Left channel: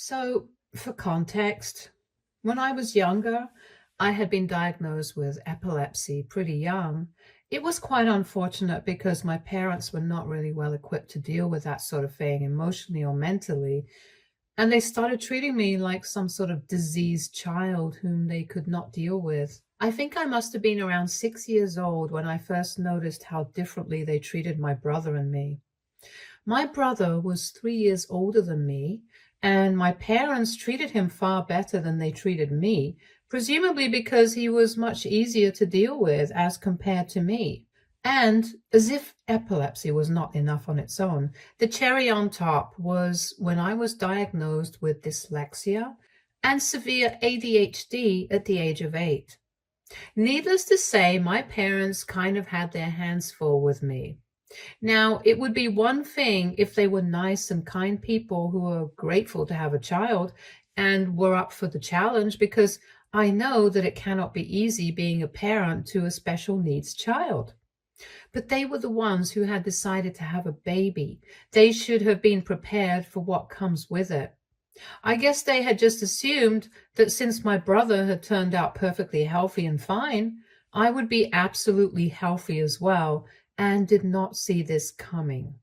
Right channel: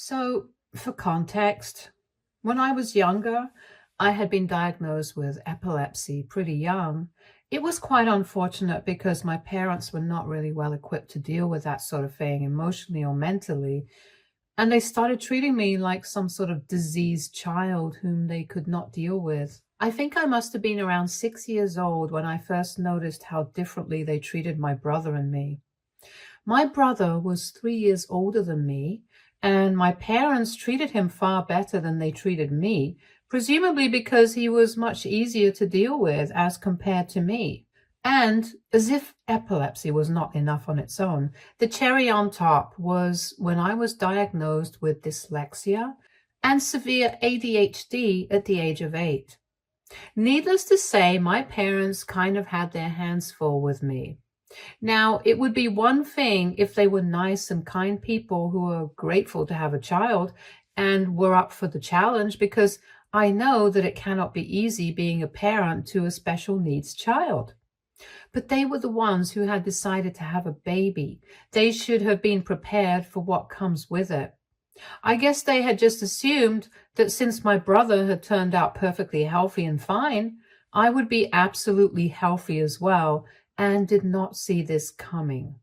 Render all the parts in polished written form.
So, for context, when I was younger, I had been diagnosed with epilepsy pretty young. It was quite unfortunate because my parents were not really well equipped to deal with that sort of thing emotionally or mentally. And they started treating me like some sort of diseased child whom they could not deal with. I think I must have been around 6 years old when I first noticed how differently they treated my brother and me. My brother was 3 years older than me, and my parents treated him far better than they treated me, presumably because he was much easier to deal with as compared to me. And as if epilepsy was not enough on its own, the cherry on top was when I was diagnosed with dyslexia and severe ADHD at the age of 8. Needless to say, my parents kind of had their hands full with me. Now, it would be one thing if they were nice and kind people who are grateful to have a child and were up for the challenge, because I know that it cannot be easy being a parent to a special needs child. But they were the ones who had decided to have a baby. They should have been prepared for what comes with it. I guess they had just assumed that since my brother had turned out perfectly healthy and fine, I would be absolutely healthy as well, and did not see this coming.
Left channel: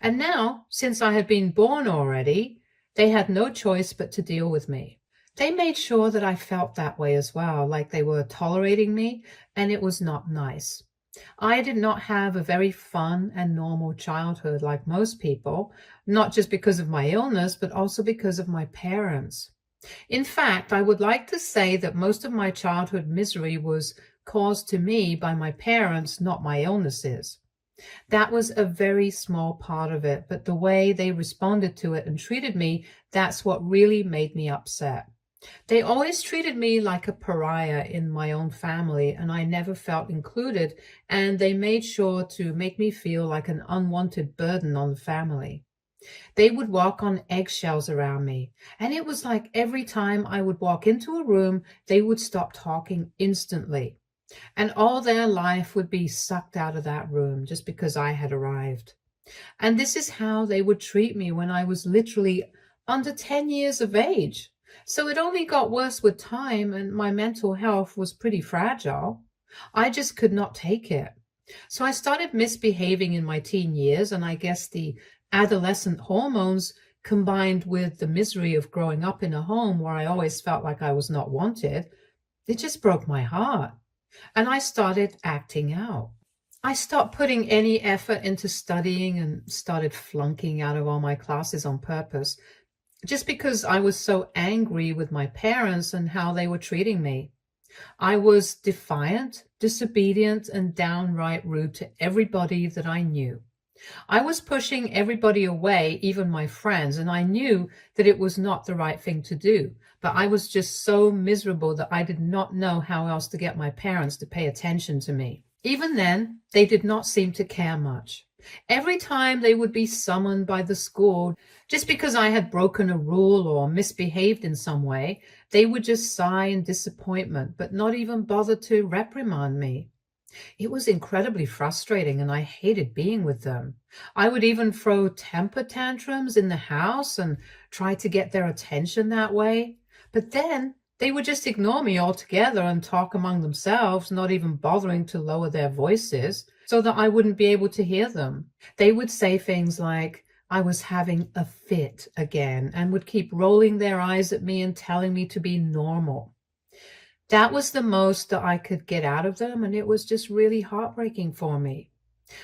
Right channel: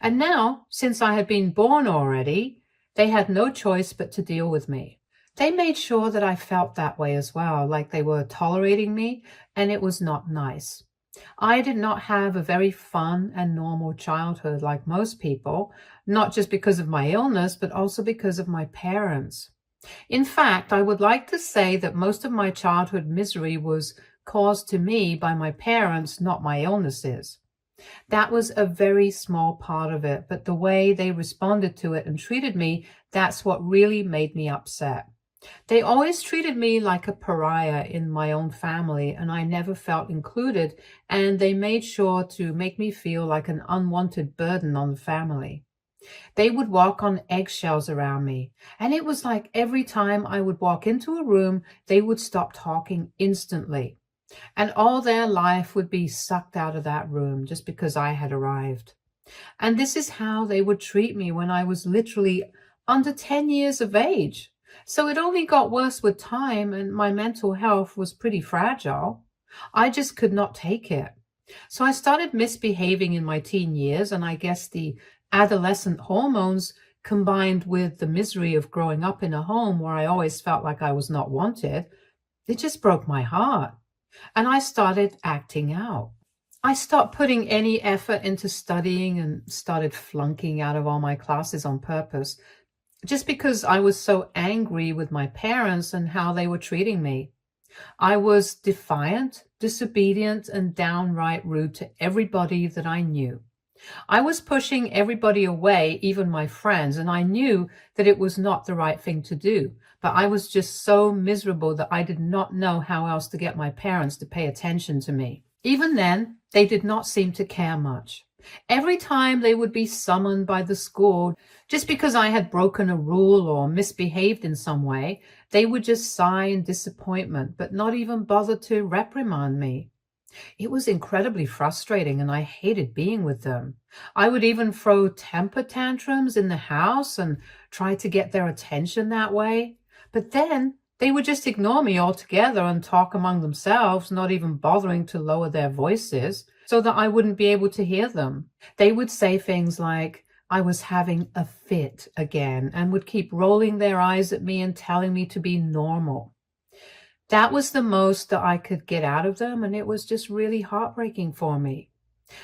And now, since I had been born already, they had no choice but to deal with me. They made sure that I felt that way as well, like they were tolerating me, and it was not nice. I did not have a very fun and normal childhood like most people, not just because of my illness, but also because of my parents. In fact, I would like to say that most of my childhood misery was caused to me by my parents, not my illnesses. That was a very small part of it, but the way they responded to it and treated me, that's what really made me upset. They always treated me like a pariah in my own family, and I never felt included, and they made sure to make me feel like an unwanted burden on the family. They would walk on eggshells around me, and it was like every time I would walk into a room, they would stop talking instantly, and all their life would be sucked out of that room just because I had arrived. And this is how they would treat me when I was literally under 10 years of age. So it only got worse with time, and my mental health was pretty fragile. I just could not take it. So I started misbehaving in my teen years, and I guess the adolescent hormones combined with the misery of growing up in a home where I always felt like I was not wanted, it just broke my heart. And I started acting out. I stopped putting any effort into studying and started flunking out of all my classes on purpose, just because I was so angry with my parents and how they were treating me. I was defiant, disobedient, and downright rude to everybody that I knew. I was pushing everybody away, even my friends, and I knew that it was not the right thing to do. But I was just so miserable that I did not know how else to get my parents to pay attention to me. Even then, they did not seem to care much. Every time they would be summoned by the school, just because I had broken a rule or misbehaved in some way, they would just sigh in disappointment, but not even bother to reprimand me. It was incredibly frustrating, and I hated being with them. I would even throw temper tantrums in the house and try to get their attention that way. But then they would just ignore me altogether and talk among themselves, not even bothering to lower their voices so that I wouldn't be able to hear them. They would say things like I was having a fit again, and would keep rolling their eyes at me and telling me to be normal. That was the most that I could get out of them, and it was just really heartbreaking for me.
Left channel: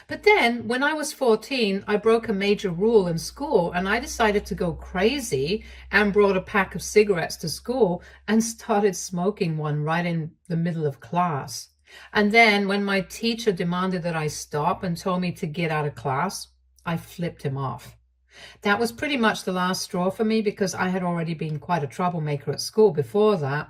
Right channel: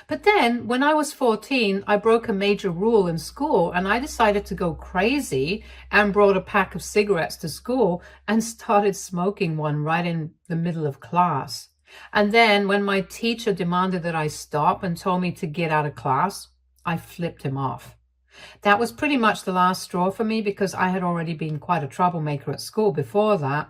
But then, when I was 14, I broke a major rule in school, and I decided to go crazy and brought a pack of cigarettes to school and started smoking one right in the middle of class. And then when my teacher demanded that I stop and told me to get out of class, I flipped him off. That was pretty much the last straw for me, because I had already been quite a troublemaker at school before that.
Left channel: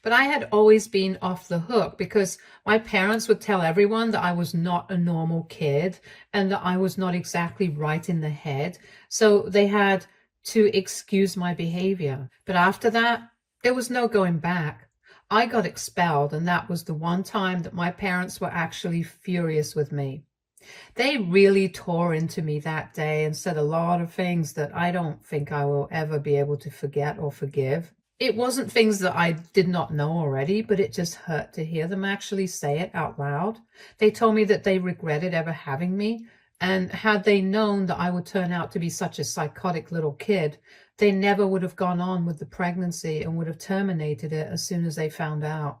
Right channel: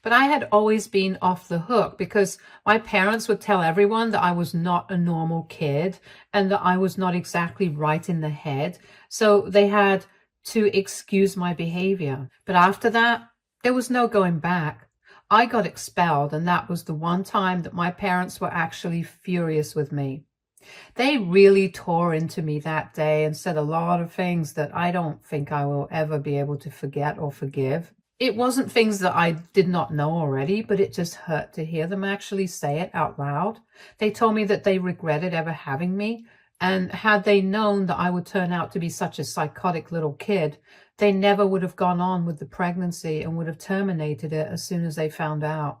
But I had always been off the hook because my parents would tell everyone that I was not a normal kid and that I was not exactly right in the head. So they had to excuse my behavior. But after that, there was no going back. I got expelled, and that was the one time that my parents were actually furious with me. They really tore into me that day and said a lot of things that I don't think I will ever be able to forget or forgive. It wasn't things that I did not know already, but it just hurt to hear them actually say it out loud. They told me that they regretted ever having me, and had they known that I would turn out to be such a psychotic little kid, they never would have gone on with the pregnancy and would have terminated it as soon as they found out.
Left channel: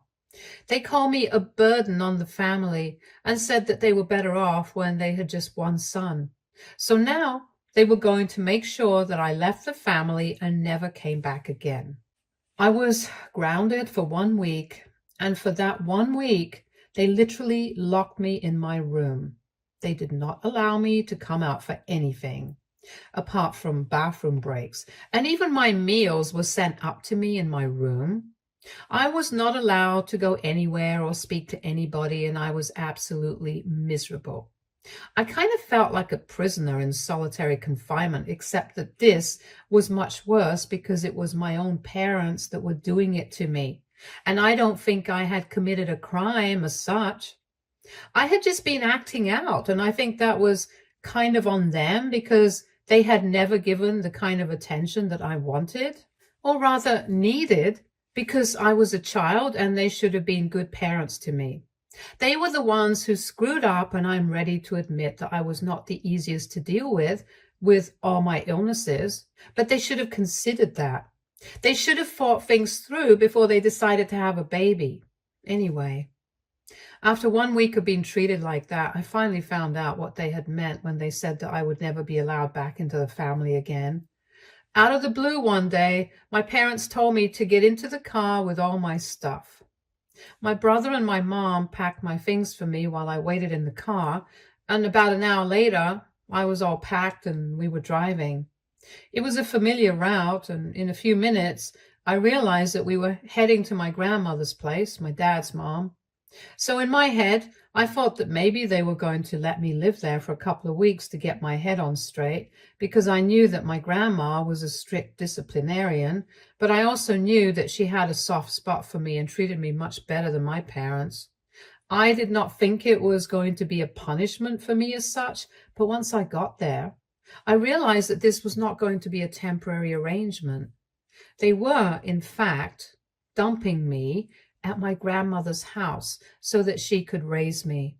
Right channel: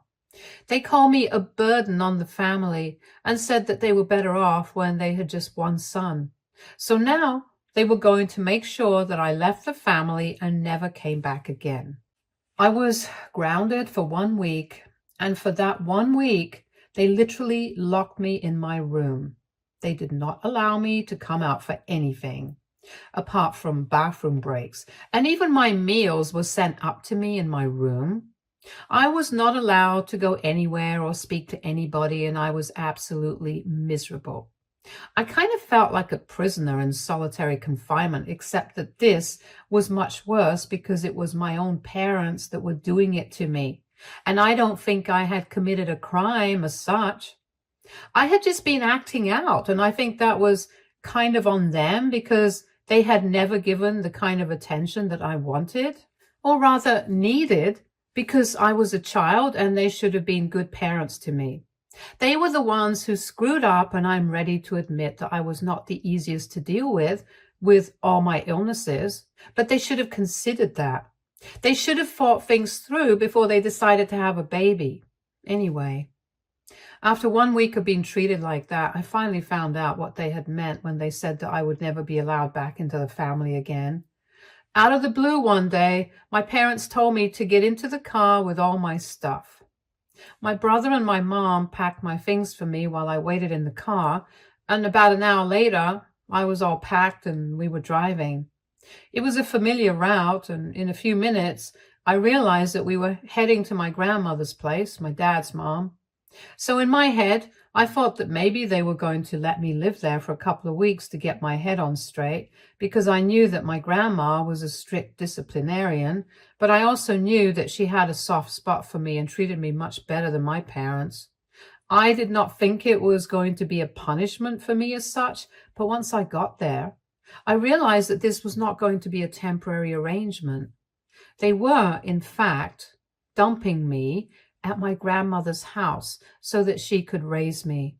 They called me a burden on the family and said that they were better off when they had just one son. So now they were going to make sure that I left the family and never came back again. I was grounded for 1 week, and for that 1 week, they literally locked me in my room. They did not allow me to come out for anything, apart from bathroom breaks, and even my meals were sent up to me in my room. I was not allowed to go anywhere or speak to anybody, and I was absolutely miserable. I kind of felt like a prisoner in solitary confinement, except that this was much worse because it was my own parents that were doing it to me. And I don't think I had committed a crime as such. I had just been acting out, and I think that was kind of on them because they had never given the kind of attention that I wanted, or rather needed, because I was a child and they should have been good parents to me. They were the ones who screwed up, and I'm ready to admit that I was not the easiest to deal with all my illnesses, but they should have considered that. They should have thought things through before they decided to have a baby. Anyway, after 1 week of being treated like that, I finally found out what they had meant when they said that I would never be allowed back into the family again. Out of the blue one day, my parents told me to get into the car with all my stuff. My brother and my mom packed my things for me while I waited in the car, and about an hour later, I was all packed and we were driving. It was a familiar route, and in a few minutes, I realized that we were heading to my grandmother's place, my dad's mom. So in my head, I thought that maybe they were going to let me live there for a couple of weeks to get my head on straight, because I knew that my grandma was a strict disciplinarian, but I also knew that she had a soft spot for me and treated me much better than my parents. I did not think it was going to be a punishment for me as such, but once I got there, I realized that this was not going to be a temporary arrangement. They were, in fact, dumping me at my grandmother's house so that she could raise me,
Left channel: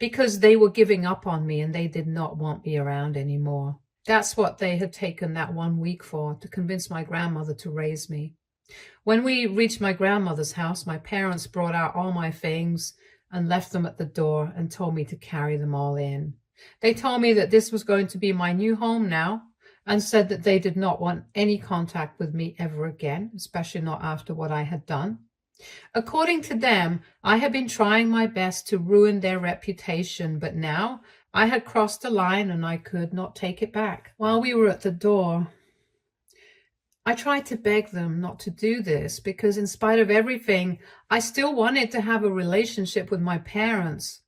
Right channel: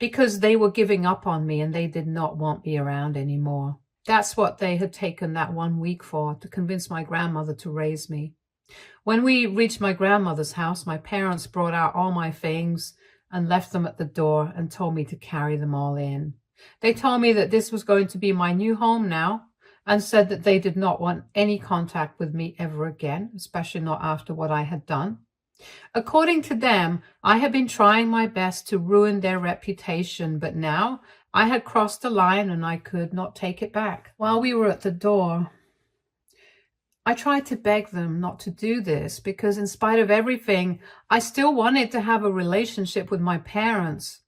because they were giving up on me and they did not want me around anymore. That's what they had taken that 1 week for, to convince my grandmother to raise me. When we reached my grandmother's house, my parents brought out all my things and left them at the door and told me to carry them all in. They told me that this was going to be my new home now, and said that they did not want any contact with me ever again, especially not after what I had done. According to them, I had been trying my best to ruin their reputation, but now I had crossed the line and I could not take it back. While we were at the door, I tried to beg them not to do this because in spite of everything, I still wanted to have a relationship with my parents.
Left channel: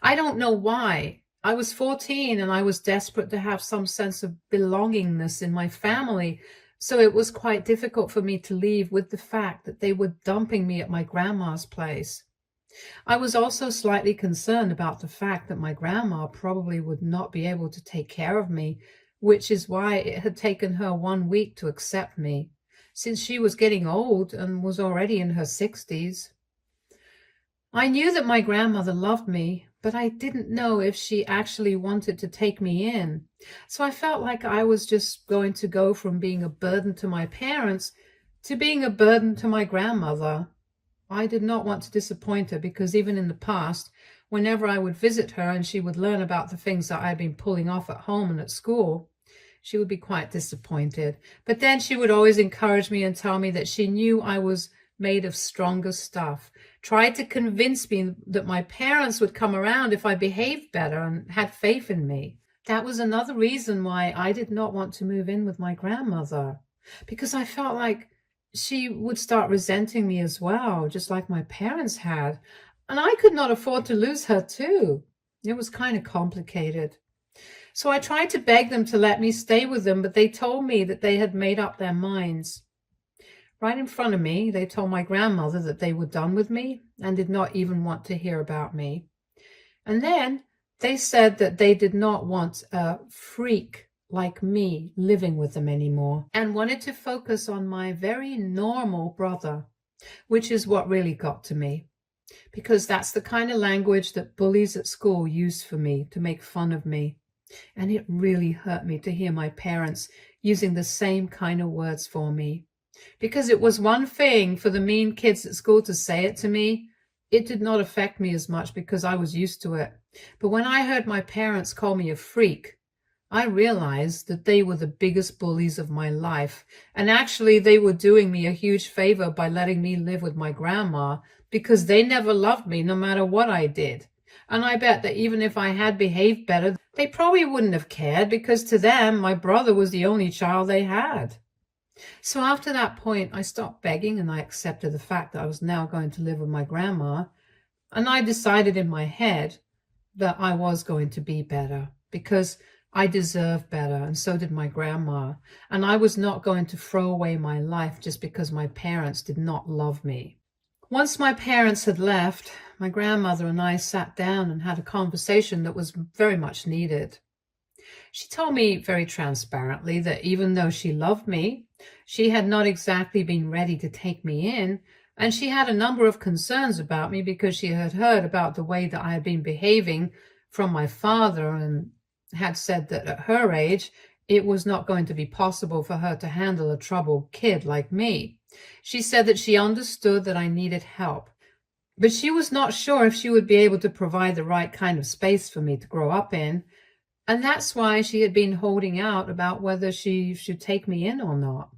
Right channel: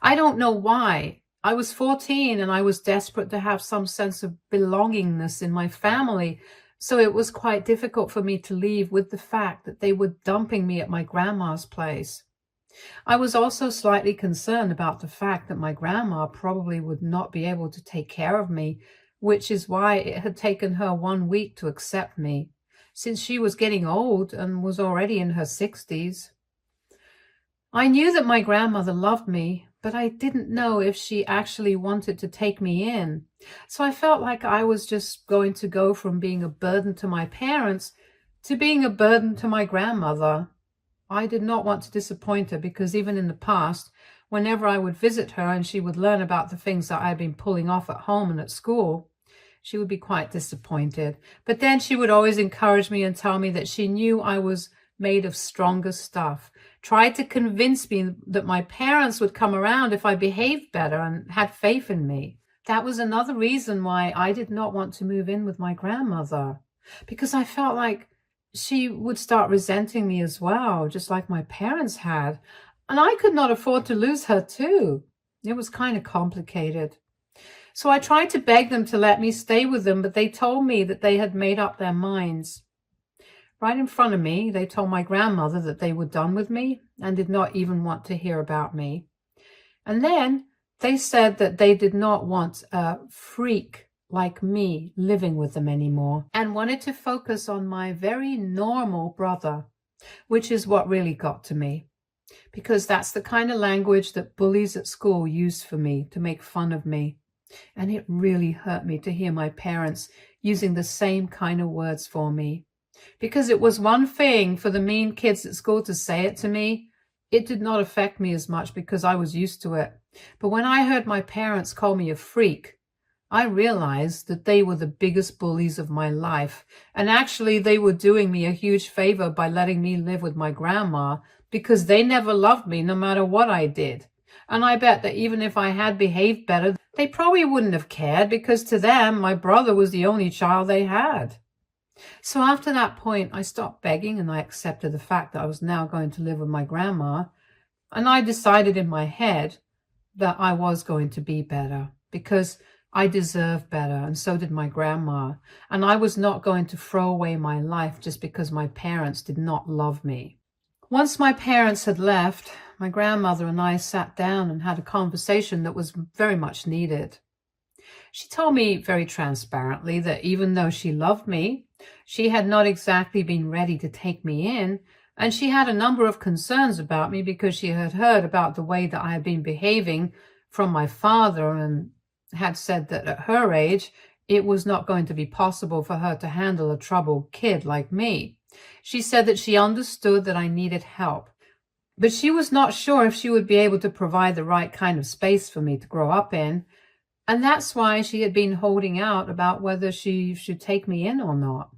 I don't know why. I was 14 and I was desperate to have some sense of belongingness in my family. So it was quite difficult for me to leave with the fact that they were dumping me at my grandma's place. I was also slightly concerned about the fact that my grandma probably would not be able to take care of me, which is why it had taken her 1 week to accept me, since she was getting old and was already in her 60s. I knew that my grandmother loved me, but I didn't know if she actually wanted to take me in. So I felt like I was just going to go from being a burden to my parents to being a burden to my grandmother. I did not want to disappoint her because even in the past, whenever I would visit her and she would learn about the things that I had been pulling off at home and at school, she would be quite disappointed. But then she would always encourage me and tell me that she knew I was made of stronger stuff, tried to convince me that my parents would come around if I behaved better and had faith in me. That was another reason why I did not want to move in with my grandmother, because I felt like she would start resenting me as well, just like my parents had. And I could not afford to lose her too. It was kind of complicated. So I tried to beg them to let me stay with them, but they told me that they had made up their minds. Right in front of me, they told my grandmother that they were done with me and did not even want to hear about me. And then They said that they did not want a freak like me living with them anymore and wanted to focus on my very normal brother, which is what really got to me, because that's the kind of language that bullies at school used for me to make fun of me. And it really hurt me to hear my parents using the same kind of words for me. Because it was one thing for the mean kids at school to say it to me, it did not affect me as much because I was used to it. But when I heard my parents call me a freak, I realized that they were the biggest bullies of my life. And actually, they were doing me a huge favor by letting me live with my grandma, because they never loved me no matter what I did. And I bet that even if I had behaved better, they probably wouldn't have cared, because to them, my brother was the only child they had. So after that point, I stopped begging and I accepted the fact that I was now going to live with my grandma. And I decided in my head that I was going to be better, because I deserved better, and so did my grandma. And I was not going to throw away my life just because my parents did not love me. Once my parents had left, my grandmother and I sat down and had a conversation that was very much needed. She told me very transparently that even though she loved me, she had not exactly been ready to take me in, and she had a number of concerns about me because she had heard about the way that I had been behaving from my father, and had said that at her age, it was not going to be possible for her to handle a troubled kid like me. She said that she understood that I needed help, but she was not sure if she would be able to provide the right kind of space for me to grow up in. And that's why she had been holding out about whether she should take me in or not.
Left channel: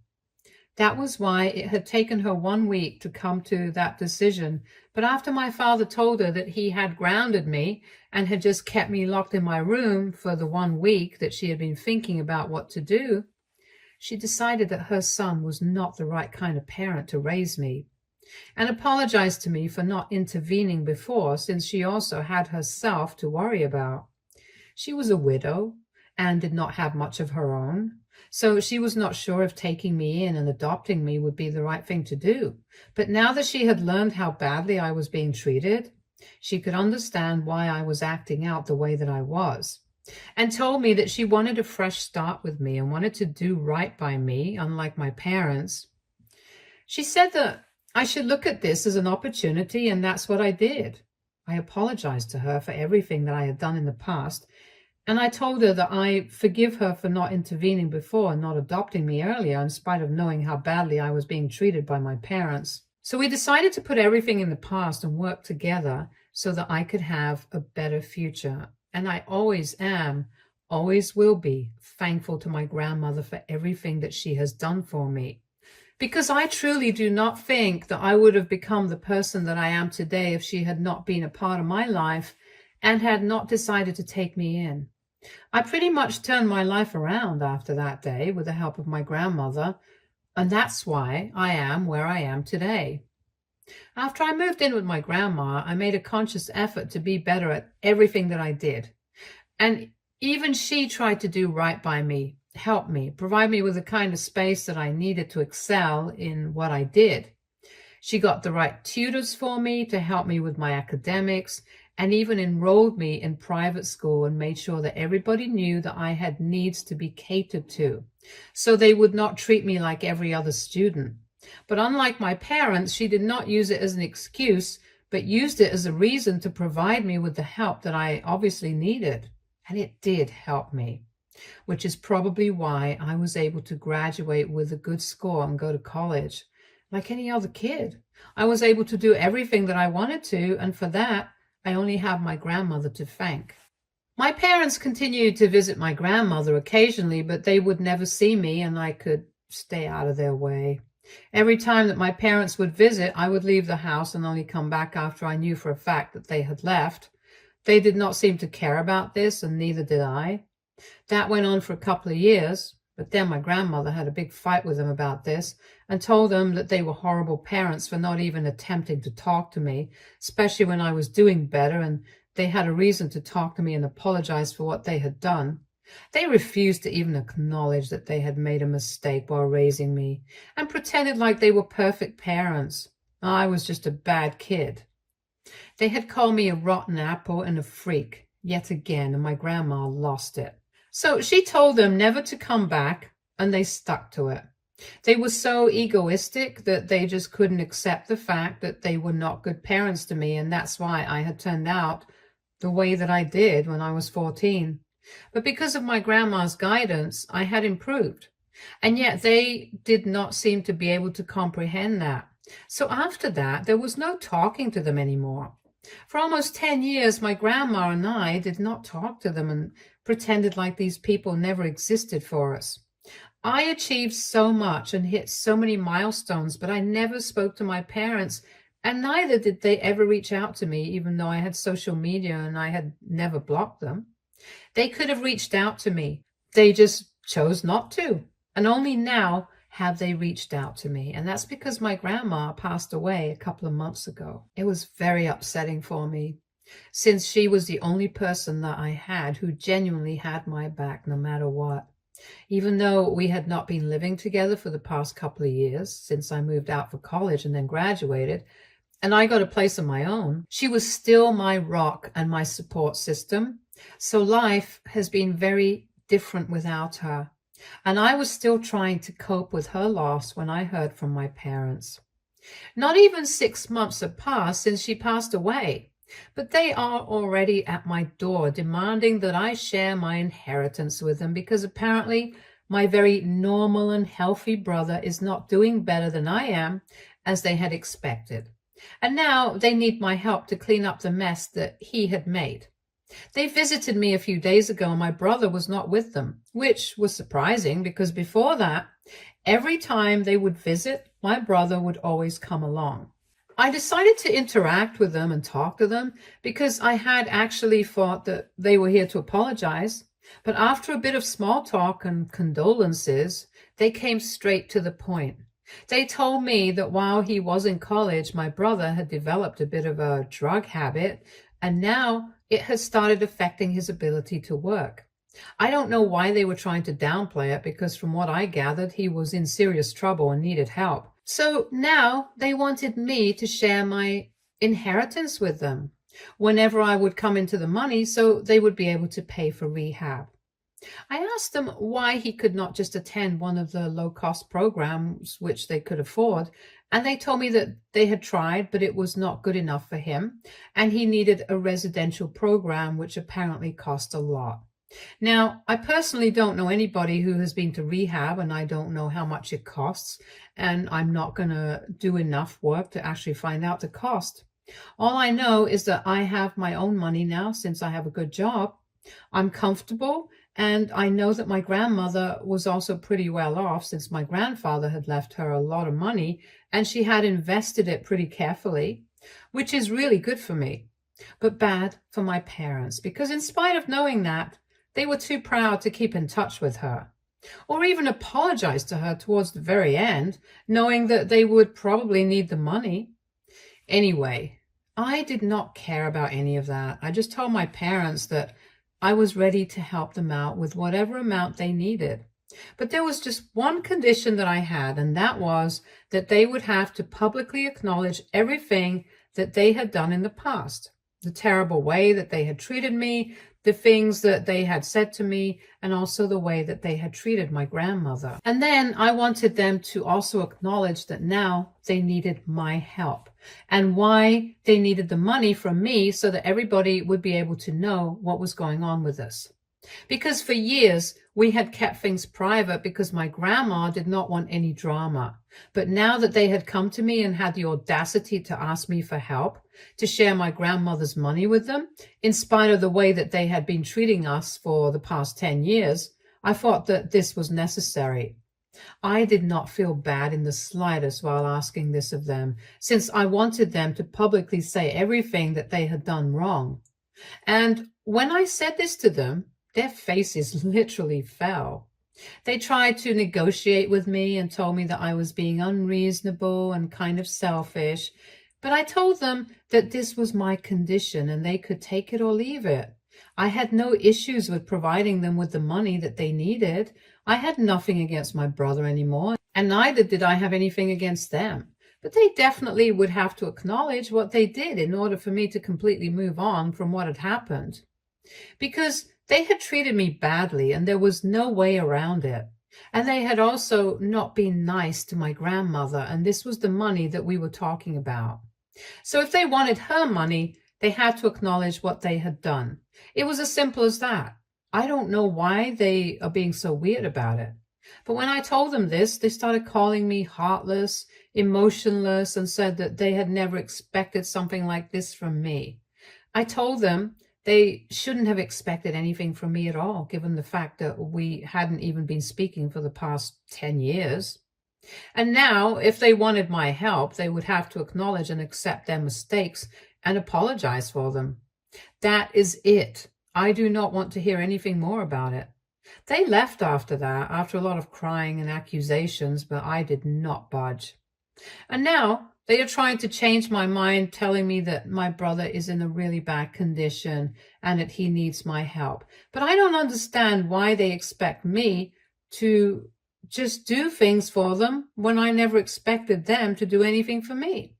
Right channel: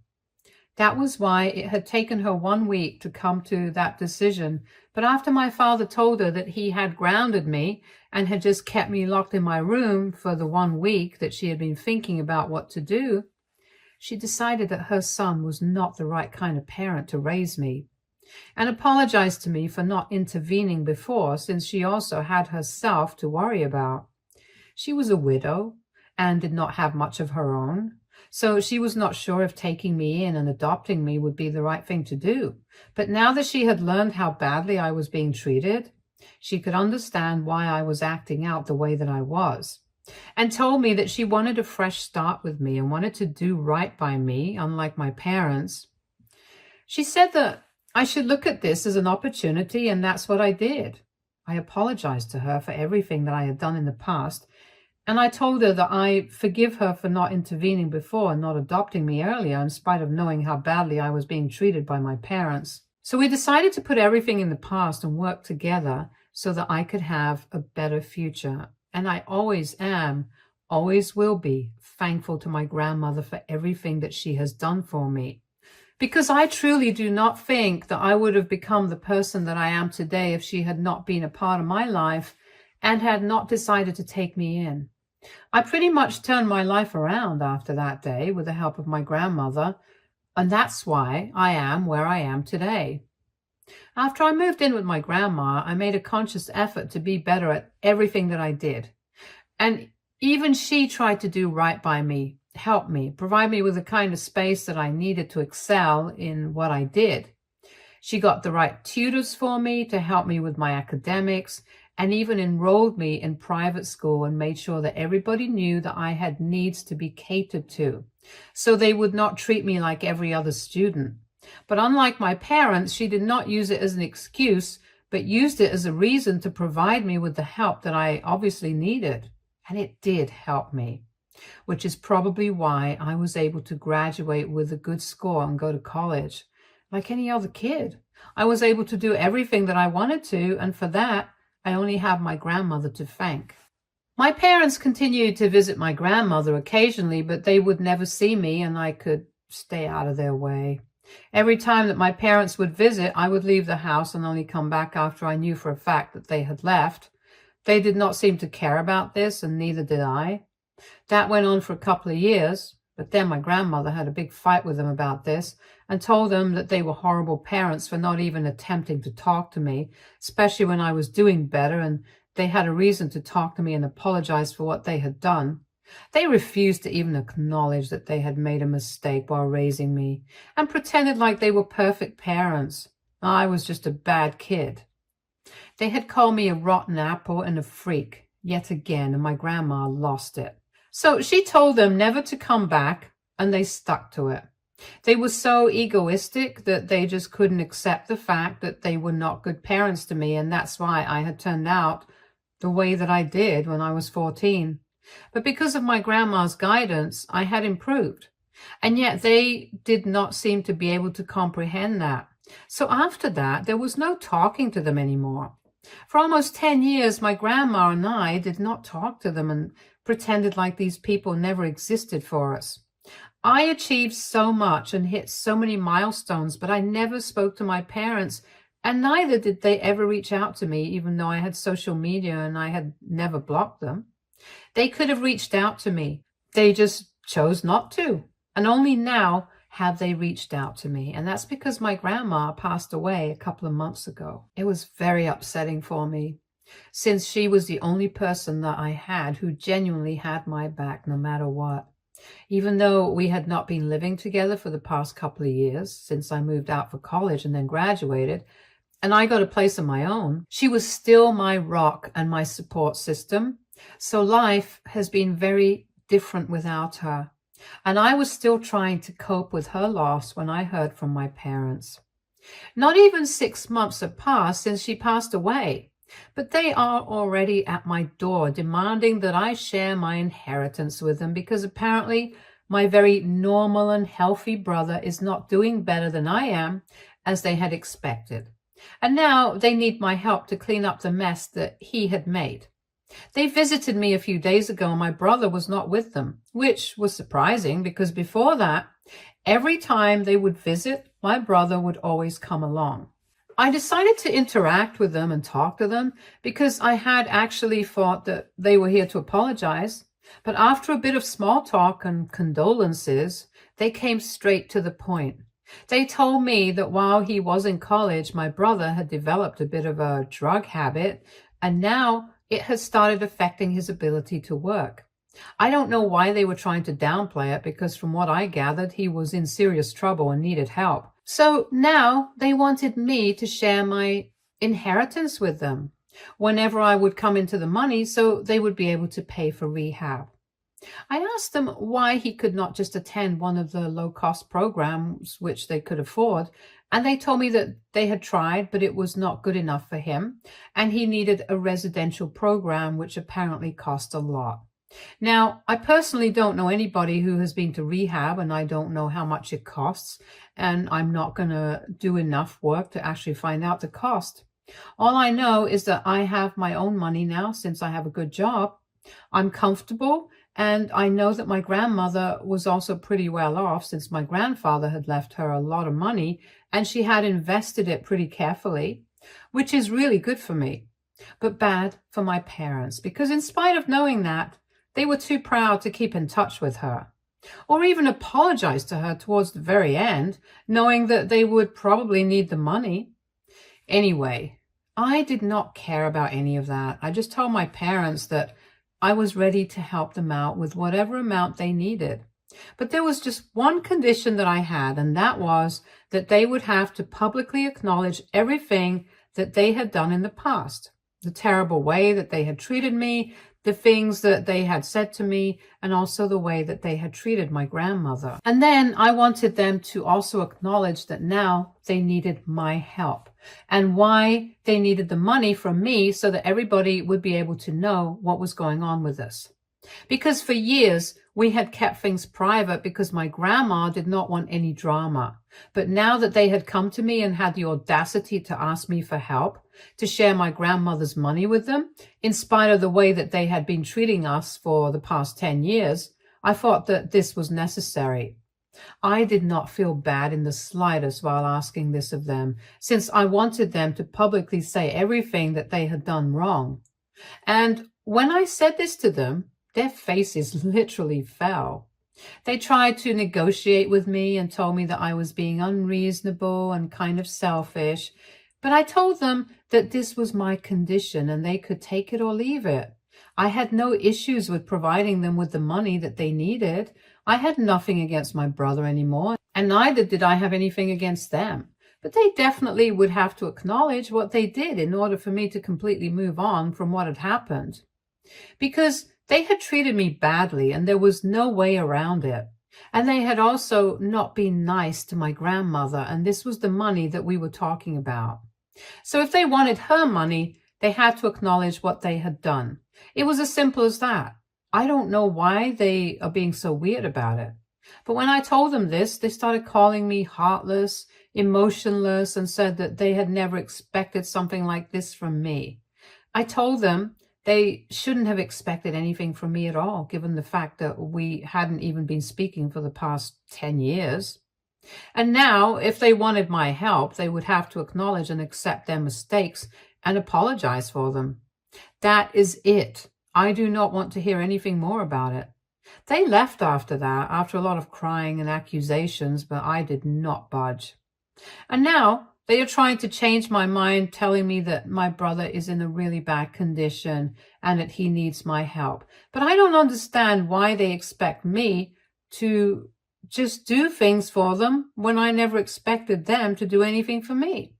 That was why it had taken her 1 week to come to that decision. But after my father told her that he had grounded me and had just kept me locked in my room for the 1 week that she had been thinking about what to do, she decided that her son was not the right kind of parent to raise me, and apologized to me for not intervening before, since she also had herself to worry about. She was a widow and did not have much of her own, so she was not sure if taking me in and adopting me would be the right thing to do. But now that she had learned how badly I was being treated, she could understand why I was acting out the way that I was, and told me that she wanted a fresh start with me and wanted to do right by me, unlike my parents. She said that I should look at this as an opportunity, and that's what I did. I apologized to her for everything that I had done in the past, and I told her that I forgive her for not intervening before and not adopting me earlier, in spite of knowing how badly I was being treated by my parents. So we decided to put everything in the past and work together so that I could have a better future. And I always am, always will be, thankful to my grandmother for everything that she has done for me. Because I truly do not think that I would have become the person that I am today if she had not been a part of my life and had not decided to take me in. I pretty much turned my life around after that day with the help of my grandmother, and that's why I am where I am today. After I moved in with my grandma, I made a conscious effort to be better at everything that I did. And even she tried to do right by me, help me, provide me with the kind of space that I needed to excel in what I did. She got the right tutors for me to help me with my academics, and even enrolled me in private school and made sure that everybody knew that I had needs to be catered to, so they would not treat me like every other student. But unlike my parents, she did not use it as an excuse, but used it as a reason to provide me with the help that I obviously needed. And it did help me, which is probably why I was able to graduate with a good score and go to college. Like any other kid, I was able to do everything that I wanted to, and for that, I only have my grandmother to thank. My parents continued to visit my grandmother occasionally, but they would never see me, and I could stay out of their way. Every time that my parents would visit, I would leave the house and only come back after I knew for a fact that they had left. They did not seem to care about this, and neither did I. That went on for a couple of years, but then my grandmother had a big fight with them about this and told them that they were horrible parents for not even attempting to talk to me, especially when I was doing better and they had a reason to talk to me and apologize for what they had done. They refused to even acknowledge that they had made a mistake while raising me and pretended like they were perfect parents. I was just a bad kid. They had called me a rotten apple and a freak, yet again, and my grandma lost it. So she told them never to come back, and they stuck to it. They were so egoistic that they just couldn't accept the fact that they were not good parents to me, and that's why I had turned out the way that I did when I was 14. But because of my grandma's guidance, I had improved. And yet they did not seem to be able to comprehend that. So after that, there was no talking to them anymore. For almost 10 years, my grandma and I did not talk to them and pretended like these people never existed for us. I achieved so much and hit so many milestones, but I never spoke to my parents, and neither did they ever reach out to me, even though I had social media and I had never blocked them. They could have reached out to me. They just chose not to. And only now have they reached out to me. And that's because my grandma passed away a couple of months ago. It was very upsetting for me, since she was the only person that I had who genuinely had my back no matter what. Even though we had not been living together for the past couple of years, since I moved out for college and then graduated, and I got a place of my own, she was still my rock and my support system. So life has been very different without her. And I was still trying to cope with her loss when I heard from my parents. Not even 6 months have passed since she passed away, but they are already at my door demanding that I share my inheritance with them, because apparently my very normal and healthy brother is not doing better than I am, as they had expected. And now they need my help to clean up the mess that he had made. They visited me a few days ago and my brother was not with them, which was surprising because before that, every time they would visit, my brother would always come along. I decided to interact with them and talk to them because I had actually thought that they were here to apologize. But after a bit of small talk and condolences, they came straight to the point. They told me that while he was in college, my brother had developed a bit of a drug habit, and now it had started affecting his ability to work. I don't know why they were trying to downplay it, because from what I gathered, he was in serious trouble and needed help. So now they wanted me to share my inheritance with them whenever I would come into the money, so they would be able to pay for rehab. I asked them why he could not just attend one of the low-cost programs which they could afford, and they told me that they had tried, but it was not good enough for him, and he needed a residential program which apparently cost a lot. Now, I personally don't know anybody who has been to rehab, and I don't know how much it costs, and I'm not going to do enough work to actually find out the cost. All I know is that I have my own money now since I have a good job. I'm comfortable, and I know that my grandmother was also pretty well off since my grandfather had left her a lot of money and she had invested it pretty carefully, which is really good for me, but bad for my parents, because in spite of knowing that, they were too proud to keep in touch with her or even apologize to her towards the very end, knowing that they would probably need the money. Anyway, I did not care about any of that. I just told my parents that I was ready to help them out with whatever amount they needed. But there was just one condition that I had, and that was that they would have to publicly acknowledge everything that they had done in the past, the terrible way that they had treated me, the things that they had said to me, and also the way that they had treated my grandmother. And then I wanted them to also acknowledge that now they needed my help and why they needed the money from me, so that everybody would be able to know what was going on with us. Because for years, we had kept things private because my grandma did not want any drama. But now that they had come to me and had the audacity to ask me for help, to share my grandmother's money with them, in spite of the way that they had been treating us for the past 10 years, I thought that this was necessary. I did not feel bad in the slightest while asking this of them, since I wanted them to publicly say everything that they had done wrong. And when I said this to them, their faces literally fell. They tried to negotiate with me and told me that I was being unreasonable and kind of selfish, but I told them that this was my condition and they could take it or leave it. I had no issues with providing them with the money that they needed. I had nothing against my brother anymore, and neither did I have anything against them. But they definitely would have to acknowledge what they did in order for me to completely move on from what had happened. because they had treated me badly and there was no way around it. And they had also not been nice to my grandmother, and this was the money that we were talking about. So if they wanted her money, they had to acknowledge what they had done. It was as simple as that. I don't know why they are being so weird about it. But when I told them this, they started calling me heartless, emotionless, and said that they had never expected something like this from me. I told them they shouldn't have expected anything from me at all, given the fact that we hadn't even been speaking for the past 10 years. And now, if they wanted my help, they would have to acknowledge and accept their mistakes and apologize for them. That is it. I do not want to hear anything more about it. They left after that, after a lot of crying and accusations, but I did not budge. And now they are trying to change my mind, telling me that my brother is in a really bad condition and that he needs my help. But I don't understand why they expect me to just do things for them when I never expected them to do anything for me.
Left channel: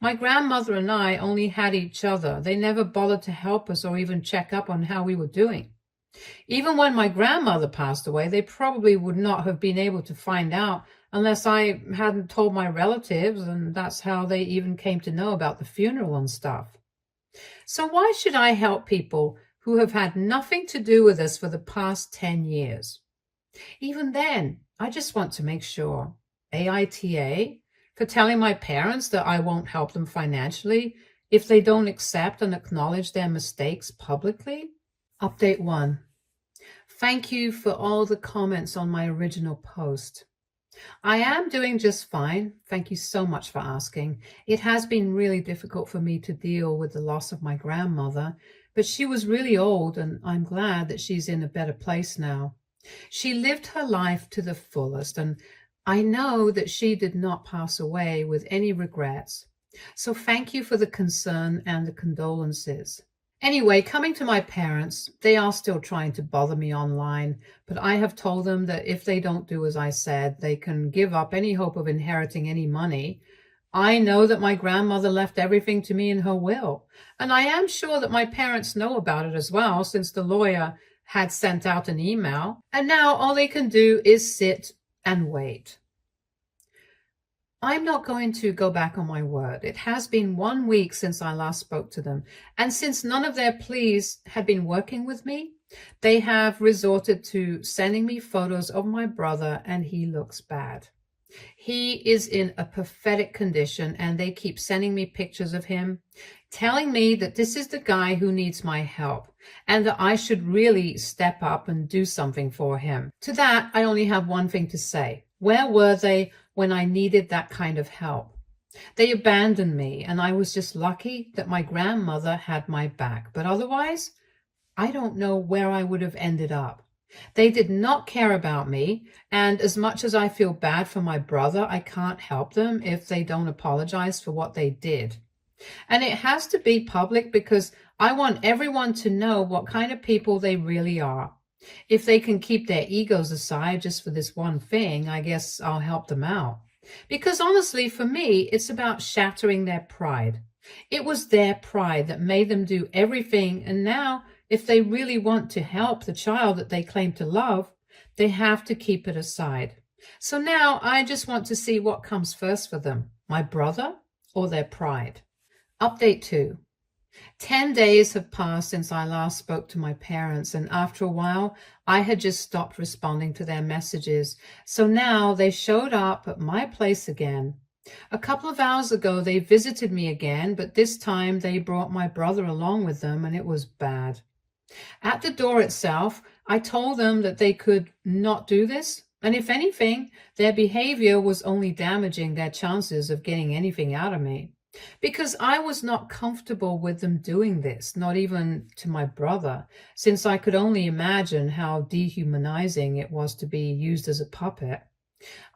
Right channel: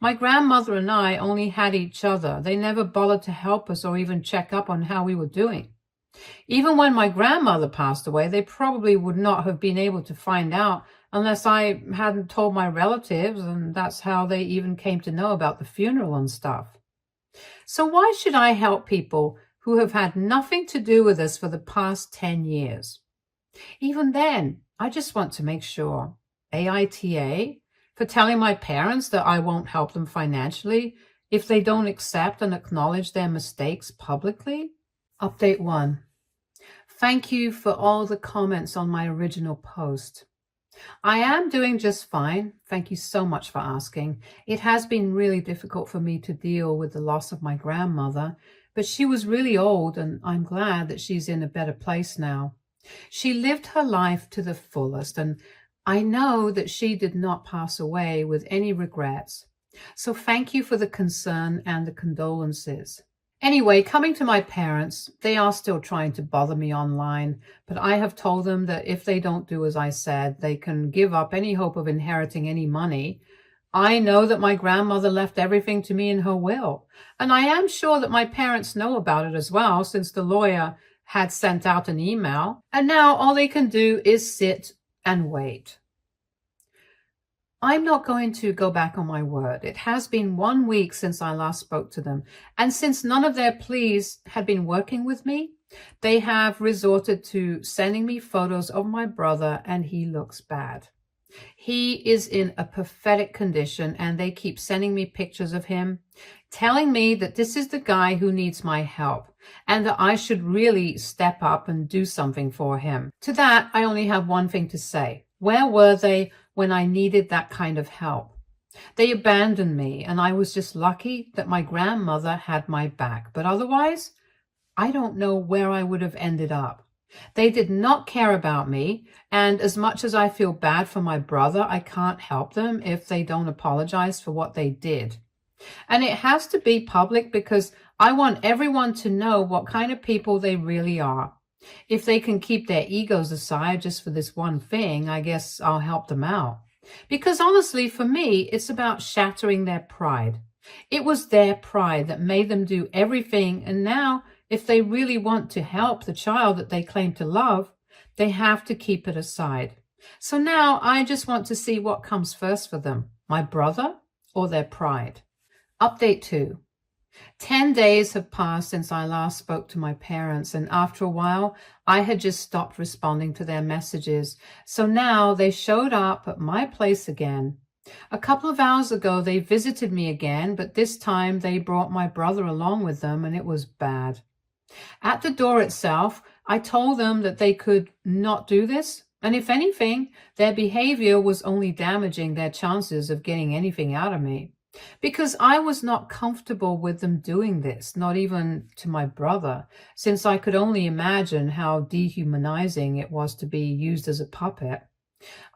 My grandmother and I only had each other. They never bothered to help us or even check up on how we were doing. Even when my grandmother passed away, they probably would not have been able to find out unless I hadn't told my relatives, and that's how they even came to know about the funeral and stuff. So why should I help people who have had nothing to do with us for the past 10 years? Even then, I just want to make sure. AITA for telling my parents that I won't help them financially if they don't accept and acknowledge their mistakes publicly? Update 1. Thank you for all the comments on my original post. I am doing just fine. Thank you so much for asking. It has been really difficult for me to deal with the loss of my grandmother, but she was really old and I'm glad that she's in a better place now. She lived her life to the fullest, and I know that she did not pass away with any regrets. So thank you for the concern and the condolences. Anyway, coming to my parents, they are still trying to bother me online, but I have told them that if they don't do as I said, they can give up any hope of inheriting any money. I know that my grandmother left everything to me in her will, and I am sure that my parents know about it as well, since the lawyer had sent out an email, and now all they can do is sit and wait. I'm not going to go back on my word. It has been 1 week since I last spoke to them, and since none of their pleas had been working with me, they have resorted to sending me photos of my brother, and he looks bad. He is in a pathetic condition, and they keep sending me pictures of him, telling me that this is the guy who needs my help, and that I should really step up and do something for him. To that, I only have one thing to say. Where were they when I needed that kind of help? They abandoned me, and I was just lucky that my grandmother had my back. But otherwise, I don't know where I would have ended up. They did not care about me, and as much as I feel bad for my brother, I can't help them if they don't apologize for what they did. And it has to be public because I want everyone to know what kind of people they really are. If they can keep their egos aside just for this one thing, I guess I'll help them out. Because honestly, for me, it's about shattering their pride. It was their pride that made them do everything, and now, if they really want to help the child that they claim to love, they have to keep it aside. So now I just want to see what comes first for them, my brother or their pride. Update 2. 10 days have passed since I last spoke to my parents, and after a while, I had just stopped responding to their messages. So now they showed up at my place again. A couple of hours ago, they visited me again, but this time they brought my brother along with them, and it was bad. At the door itself, I told them that they could not do this, and if anything, their behavior was only damaging their chances of getting anything out of me. Because I was not comfortable with them doing this, not even to my brother, since I could only imagine how dehumanizing it was to be used as a puppet.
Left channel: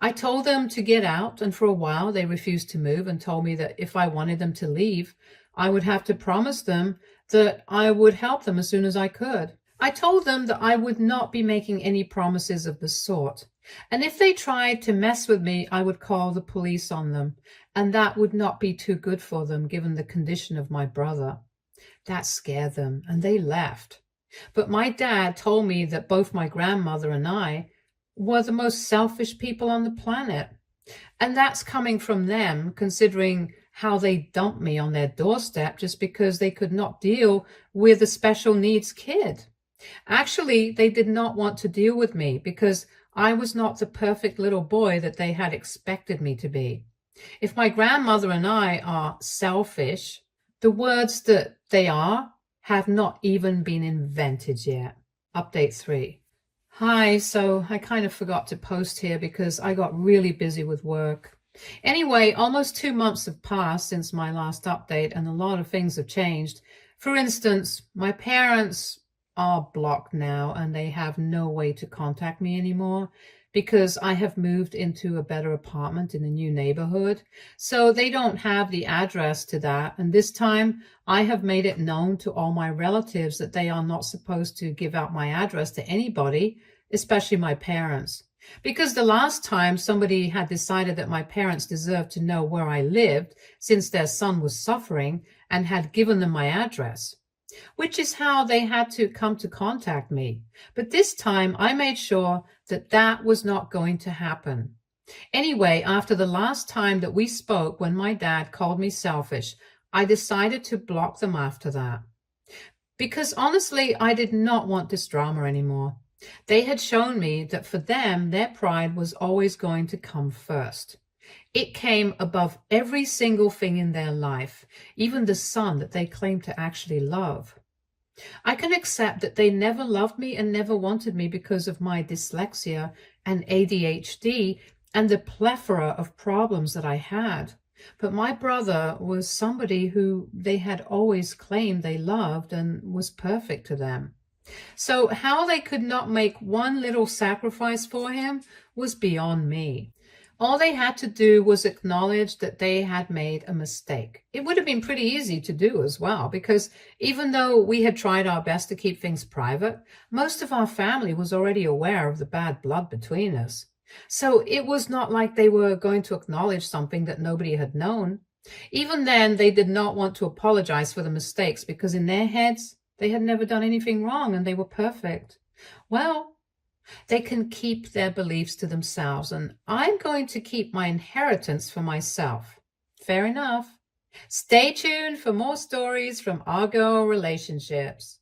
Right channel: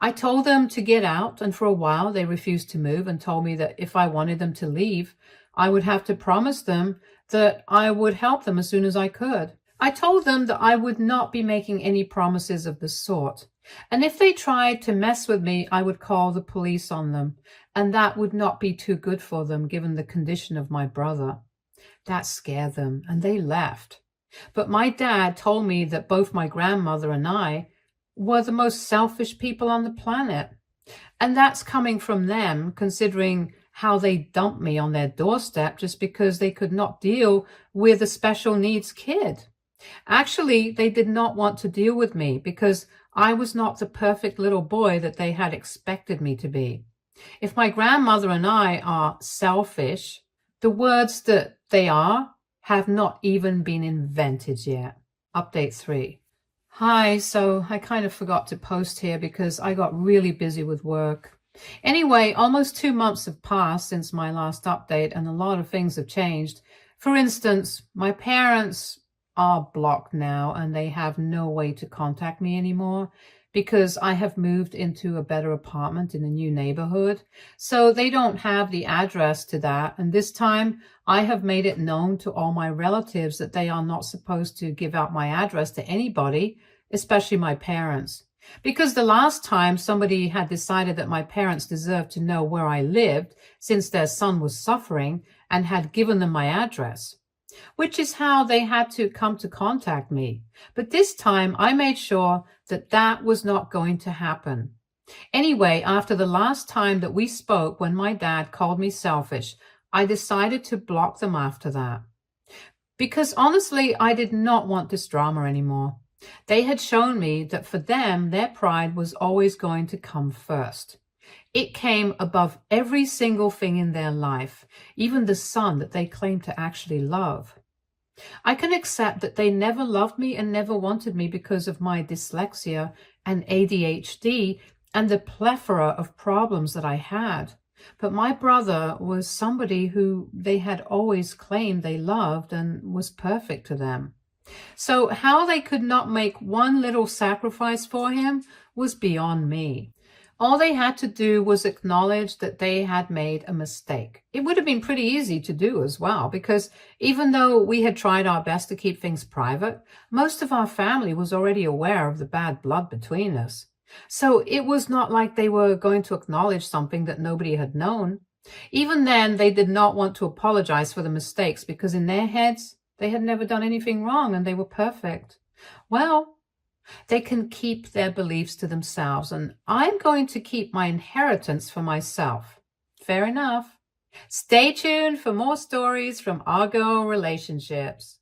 I told them to get out, and for a while they refused to move and told me that if I wanted them to leave, I would have to promise them that I would help them as soon as I could. I told them that I would not be making any promises of the sort, and if they tried to mess with me, I would call the police on them, and that would not be too good for them given the condition of my brother. That scared them, and they left. But my dad told me that both my grandmother and I were the most selfish people on the planet. And that's coming from them, considering how they dumped me on their doorstep just because they could not deal with a special needs kid. Actually, they did not want to deal with me because I was not the perfect little boy that they had expected me to be. If my grandmother and I are selfish, the words that they are have not even been invented yet. Update 3. Hi, so I kind of forgot to post here because I got really busy with work. Anyway, almost 2 months have passed since my last update and a lot of things have changed. For instance, my parents are blocked now and they have no way to contact me anymore because I have moved into a better apartment in a new neighborhood. So they don't have the address to that. And this time I have made it known to all my relatives that they are not supposed to give out my address to anybody, especially my parents. Because the last time somebody had decided that my parents deserved to know where I lived since their son was suffering and had given them my address, which is how they had to come to contact me. But this time I made sure that that was not going to happen. Anyway, after the last time that we spoke when my dad called me selfish, I decided to block them after that. Because honestly, I did not want this drama anymore. They had shown me that for them, their pride was always going to come first. It came above every single thing in their life, even the son that they claimed to actually love. I can accept that they never loved me and never wanted me because of my dyslexia and ADHD and the plethora of problems that I had. But my brother was somebody who they had always claimed they loved and was perfect to them. So how they could not make one little sacrifice for him was beyond me. All they had to do was acknowledge that they had made a mistake. It would have been pretty easy to do as well, because even though we had tried our best to keep things private, most of our family was already aware of the bad blood between us. So it was not like they were going to acknowledge something that nobody had known. Even then, they did not want to apologize for the mistakes because in their heads, they had never done anything wrong and they were perfect. Well, they can keep their beliefs to themselves, and I'm going to keep my inheritance for myself. Fair enough. Stay tuned for more stories from Argo Relationships.